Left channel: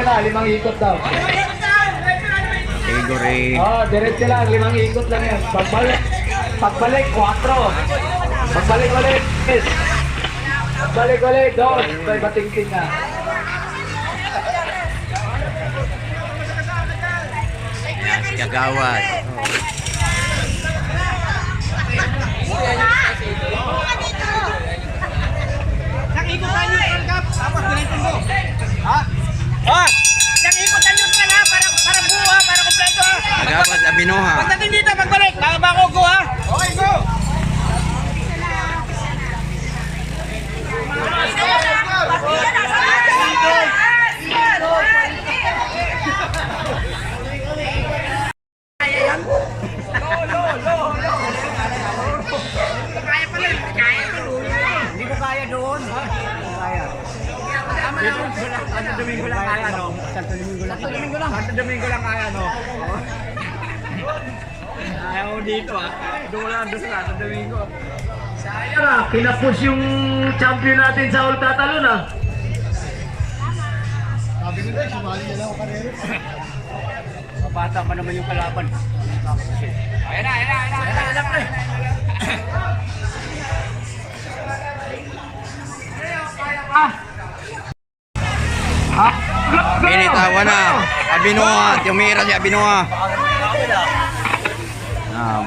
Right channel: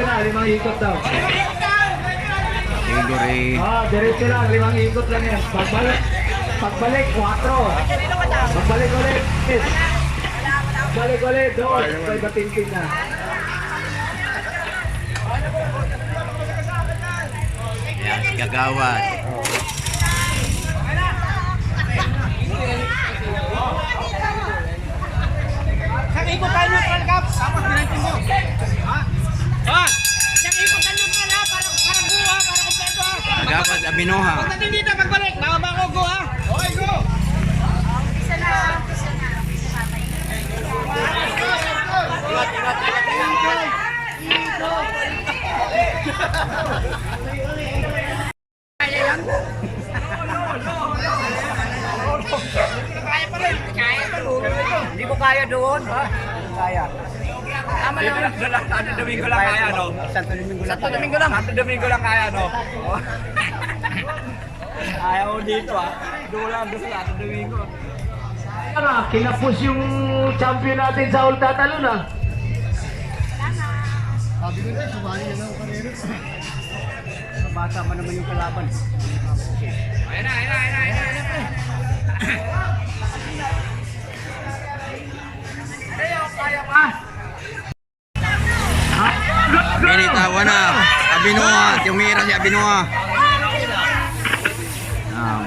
5 ikot daw. Category. Diretso lang, 5 ikot lang yan. Pagbalik, 4. Pagbalik ulit. Pagbalik ulit, 2. May batingting na. Ayan, si Kagawad. Nakikot tayo yung Cup, tapos dinantong mo. Ha? Ha? Nakikot tayo yung ha, para buha, para kompleto ha. Kagawad Abinoha. Pagdating dito, pagbalik, nakaba ko, go ha. Okay, go. Kaya yan? Kaya pa rin. Kaya pa rin. Hindi ko kaya doon. Kaya. Santo Domingo lang kaya, no? Santo Domingo lang. Santo Domingo lang kaya, no? Ayaw dito, ah. Doon lang, doon sa Santo Domingo. Sayang na, kinapos yung champion natin sa All Catalan na. Sabi ko na, sumali na lang ako karera. Bata pa naman yung kalaban. Ayan na, pre. Binitawan na. Abinoha. Tumira si Abinoha.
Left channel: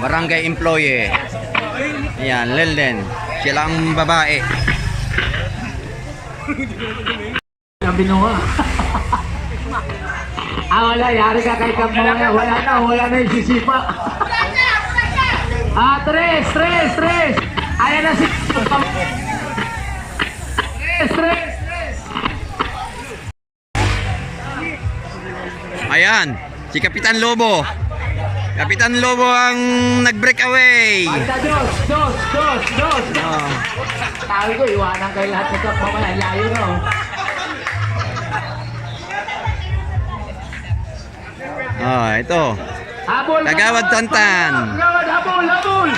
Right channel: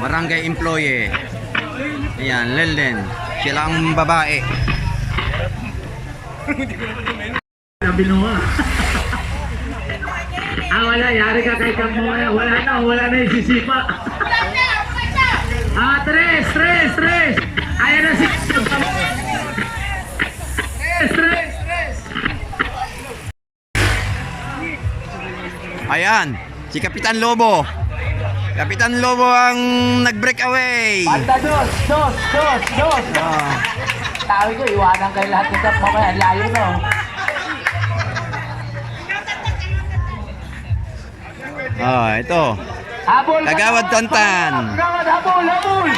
Barangay employee. Ayan, Lelden. Sila ang babae. Abinoha. Wala, yari ka kay Kang Mamaya. Wala na yung sisipa. 3. Ayan na si... 3. Ayan, si Kapitan Lobo. Kapitan Lobo ang nag-break away. Dos. Tawi ko, iwanan kayo lahat ng Kang Mamaya. Layo na. Ito. Kagawad Tantan. Habol.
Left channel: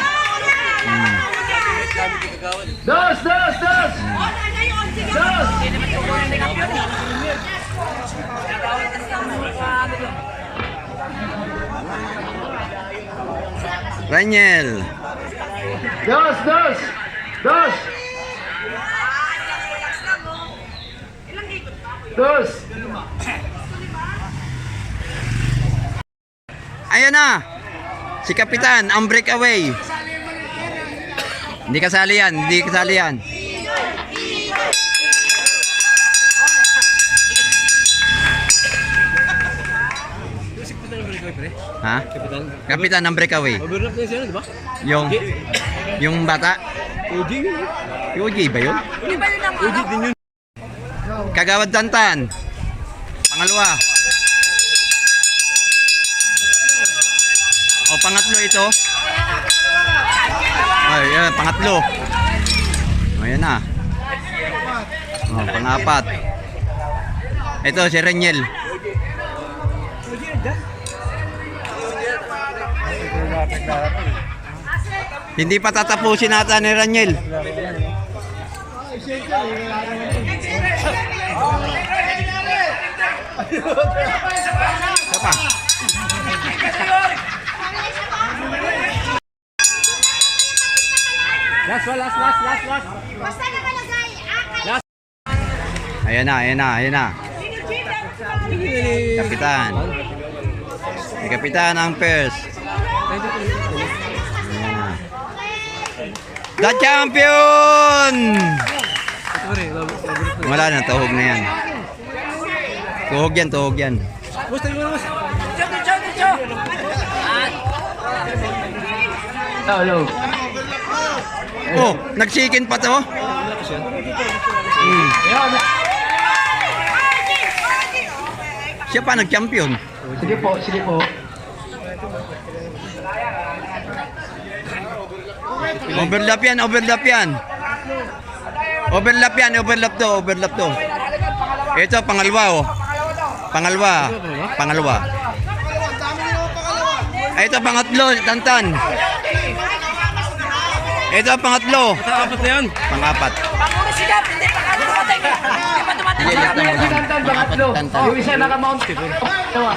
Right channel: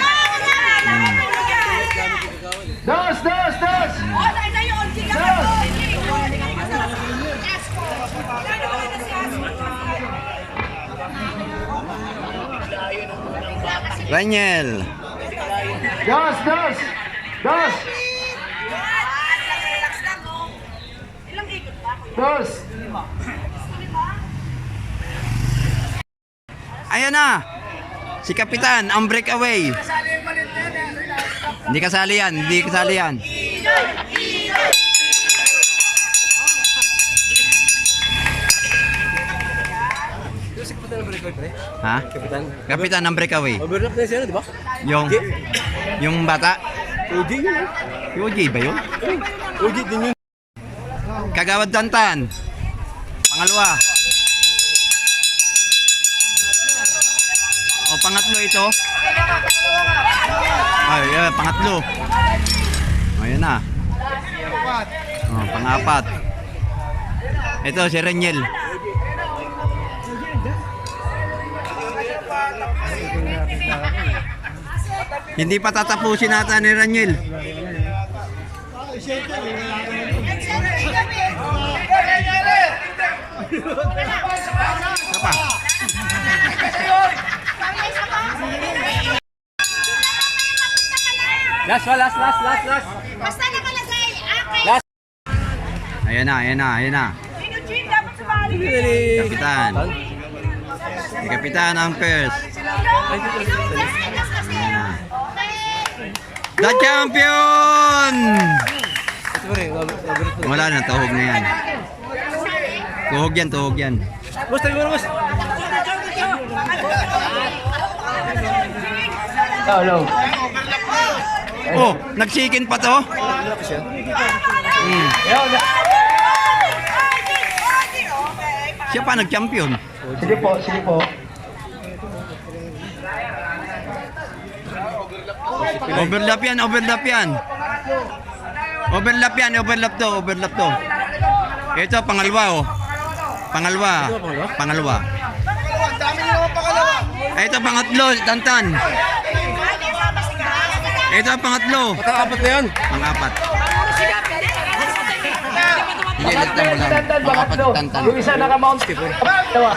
Dos. Raniel. Dos. Ayan na. Si Kapitan ang breakaway. Hindi kasali yan. Ha? Kapitan ang breakaway. Overlap na siya, di ba? Yung bata. OG yun. OG ba yun? OG din yun. Kagawad Tantan. Pangalawa. Pangatlo ito. Pangatlo. Ayan na. Pang-apat. Ito si Reniel. Hindi pa tatapusin nata ni Reniel. Siapa? Last. Basta nakalagay, Last. Ayan na. Kapitan. Si Kapitan ang first. Ayan na. The champion! Wala na, tuhog na yan. Tuhog yan. Gusto mo mas. Oh, nagsikin pa to. Siya pa nag-champion. Sige po. Overlap yan. Overlap to. Ito, pangalawa. Ito, pangatlo, Tantan. Ito, pangatlo. Apat na yan. Pangapat. Sige, lista mo lang. Mga apat tantan. Yung isa nakamount. Tawa.